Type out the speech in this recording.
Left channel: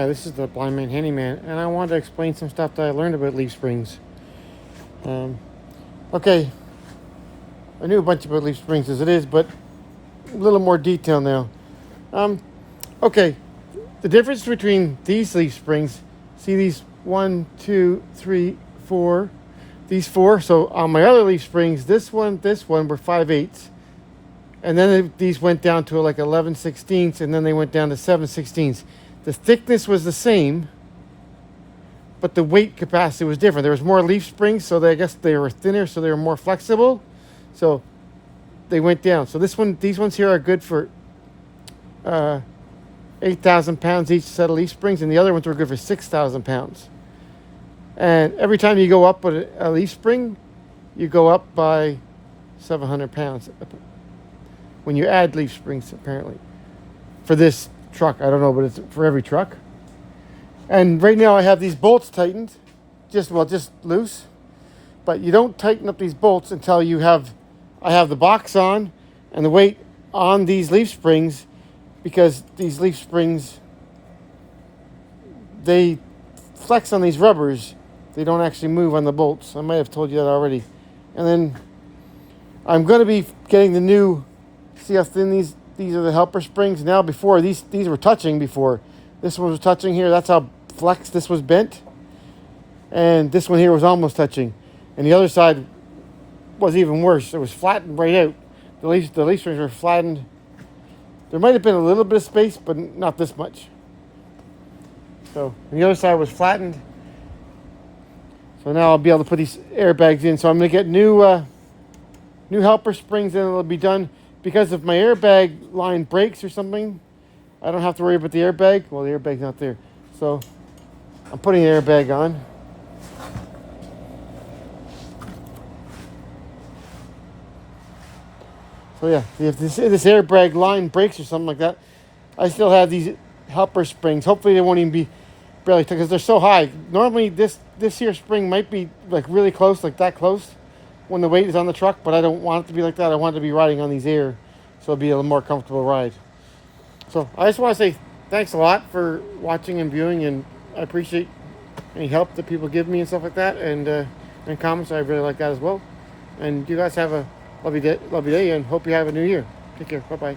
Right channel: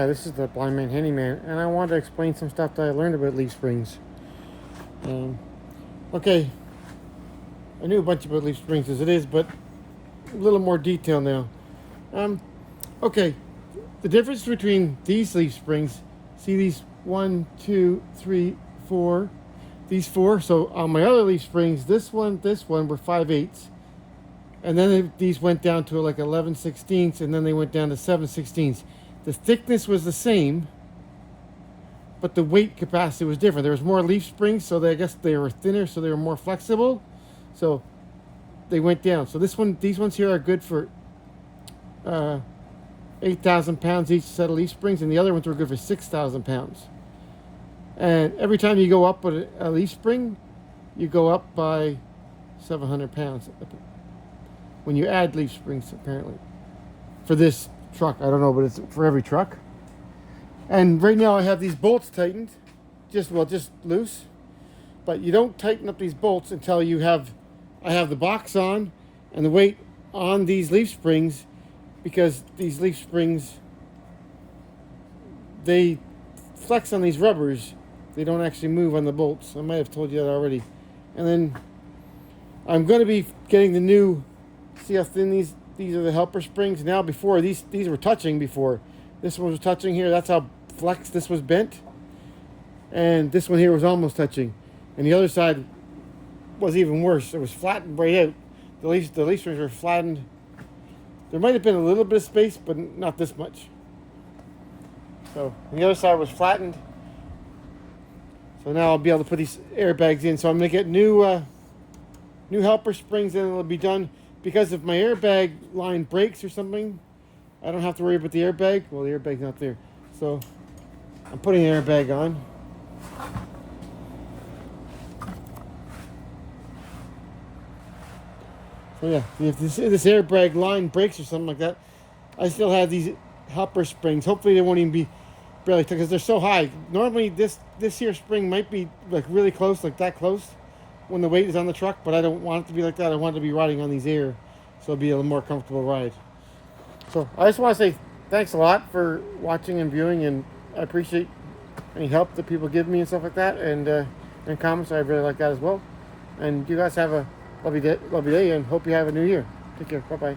Hi, this is the Blind Man Handyman, and I wanted to explain some stuff that I learned about leaf springs. Okay, I knew a bunch about leaf springs as it is, but a little more detail now. Okay, the difference between these leaf springs, see these 1, 2, 3, 4, these 4. So on my other leaf springs, this one were 5/8, and then these went down to like 11/16, and then they went down to 7/16. The thickness was the same, but the weight capacity was different. There was more leaf springs, so I guess they were thinner, so they were more flexible. So they went down. So these ones here are good for 8,000 pounds each set of leaf springs, and the other ones were good for 6,000 pounds. And every time you go up with a leaf spring, you go up by 700 pounds when you add leaf springs, apparently, for this truck. I don't know, but it's for every truck. And right now I have these bolts tightened, just loose. But you don't tighten up these bolts until I have the box on and the weight on these leaf springs, because these leaf springs, they flex on these rubbers. They don't actually move on the bolts. I might have told you that already. And then I'm going to be getting the new, see how thin these are the helper springs. Now before, these were touching before. This one was touching here. That's how flexed this was bent. And this one here was almost touching. And the other side was even worse. It was flattened right out. The leaf springs were flattened. There might have been a little bit of space, but not this much. So the other side was flattened. So now I'll be able to put these airbags in. So I'm going to get new helper springs, and it'll be done. Because if my airbag line breaks or something, I don't have to worry about the airbag. Well, the airbag's not there. So I'm putting the airbag on. So yeah, if this airbag line breaks or something like that, I still have these helper springs. Hopefully they won't even be barely, because they're so high. Normally this here spring might be like really close, like that close, when the weight is on the truck, but I don't want it to be like that. I want it to be riding on these air, so it'll be a little more comfortable ride. So I just want to say thanks a lot for watching and viewing, and I appreciate any help that people give me and stuff like that, and comments. I really like that as well. And you guys have a lovely day, and hope you have a new year. Take care. Bye-bye.